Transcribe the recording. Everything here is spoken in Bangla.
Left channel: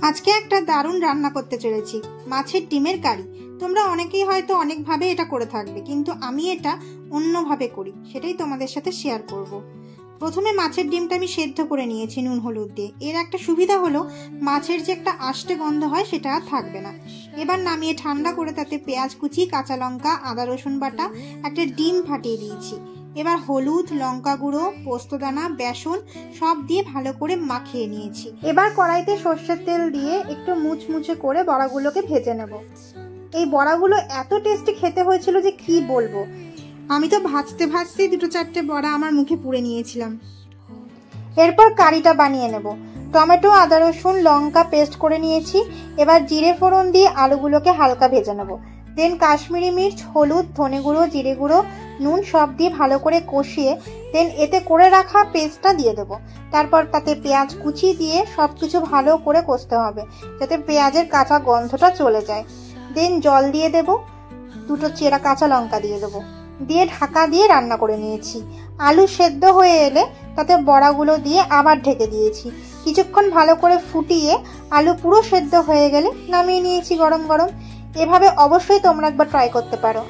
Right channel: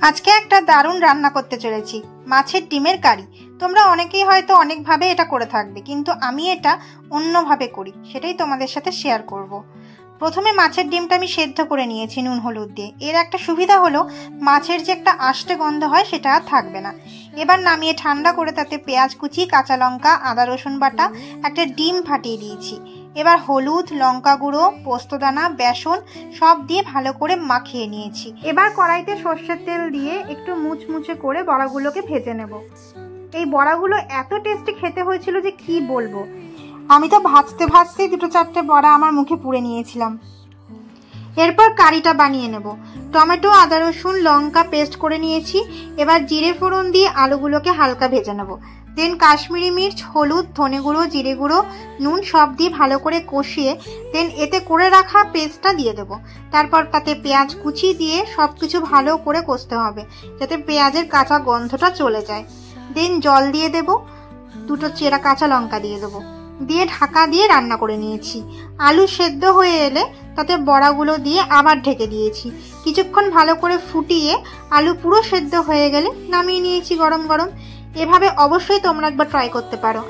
আজকে একটা দারুণ রান্না করতে চলেছি, মাছের ডিমের কারি। তোমরা অনেকেই হয়তো অনেকভাবে এটা করে থাকবে, কিন্তু আমি এটা অন্যভাবে করি, সেটাই তোমাদের সাথে শেয়ার করব। প্রথমে মাছের ডিমটা আমি সেদ্ধ করে নিয়েছি নুন হলুদ দিয়ে। এর একটা সুবিধা হলো মাছের যে একটা আষ্টে গন্ধ হয় সেটা আর থাকবে না। এবার নামিয়ে ঠান্ডা করে তাতে পেঁয়াজ কুচি, কাঁচা লঙ্কা, আদা রসুন বাটা, একটা ডিম ফাটিয়ে দিয়েছি। এবার হলুদ, লঙ্কা গুঁড়ো, পোস্তদানা, বেসন সব দিয়ে ভালো করে মাখিয়ে নিয়েছি। এবার কড়াইতে সর্ষের তেল দিয়ে একটু মুচমুচে করে বড়াগুলোকে ভেজে নেব। এই বড়াগুলো এত টেস্টি খেতে হয়েছিল যে কি বলবো। আমি তো ভাজতে ভাজতেই দুটো চারটে বড়া আমার মুখে পুড়ে নিয়েছিলাম। এরপর কারিটা বানিয়ে নেব। টমেটো, আদা রসুন, লঙ্কা পেস্ট করে নিয়েছি। এবার জিরে ফোড়ন দিয়ে আলুগুলোকে হালকা ভেজে নেব। দেন কাশ্মীরি মির্চ, হলুদ, ধনে গুঁড়ো, জিরে গুঁড়ো, নুন সব দিয়ে ভালো করে কষিয়ে দেন এতে করে রাখা পেস্টটা দিয়ে দেব। তারপর তাতে পেঁয়াজ কুচি দিয়ে সব কিছু ভালো করে কষতে হবে, যাতে পেঁয়াজের কাঁচা গন্ধটা চলে যায়। দেন জল দিয়ে দেব, দুটো চেরা কাঁচা লঙ্কা দিয়ে দেবো, দিয়ে ঢাকা দিয়ে রান্না করে নিয়েছি। আলু সেদ্ধ হয়ে এলে তাতে বড়াগুলো দিয়ে আবার ঢেকে দিয়েছি। কিছুক্ষণ ভালো করে ফুটিয়ে আলু পুরো সেদ্ধ হয়ে গেলে নামিয়ে নিয়েছি গরম গরম। এভাবে অবশ্যই তোমরা একবার ট্রাই করতে পারো।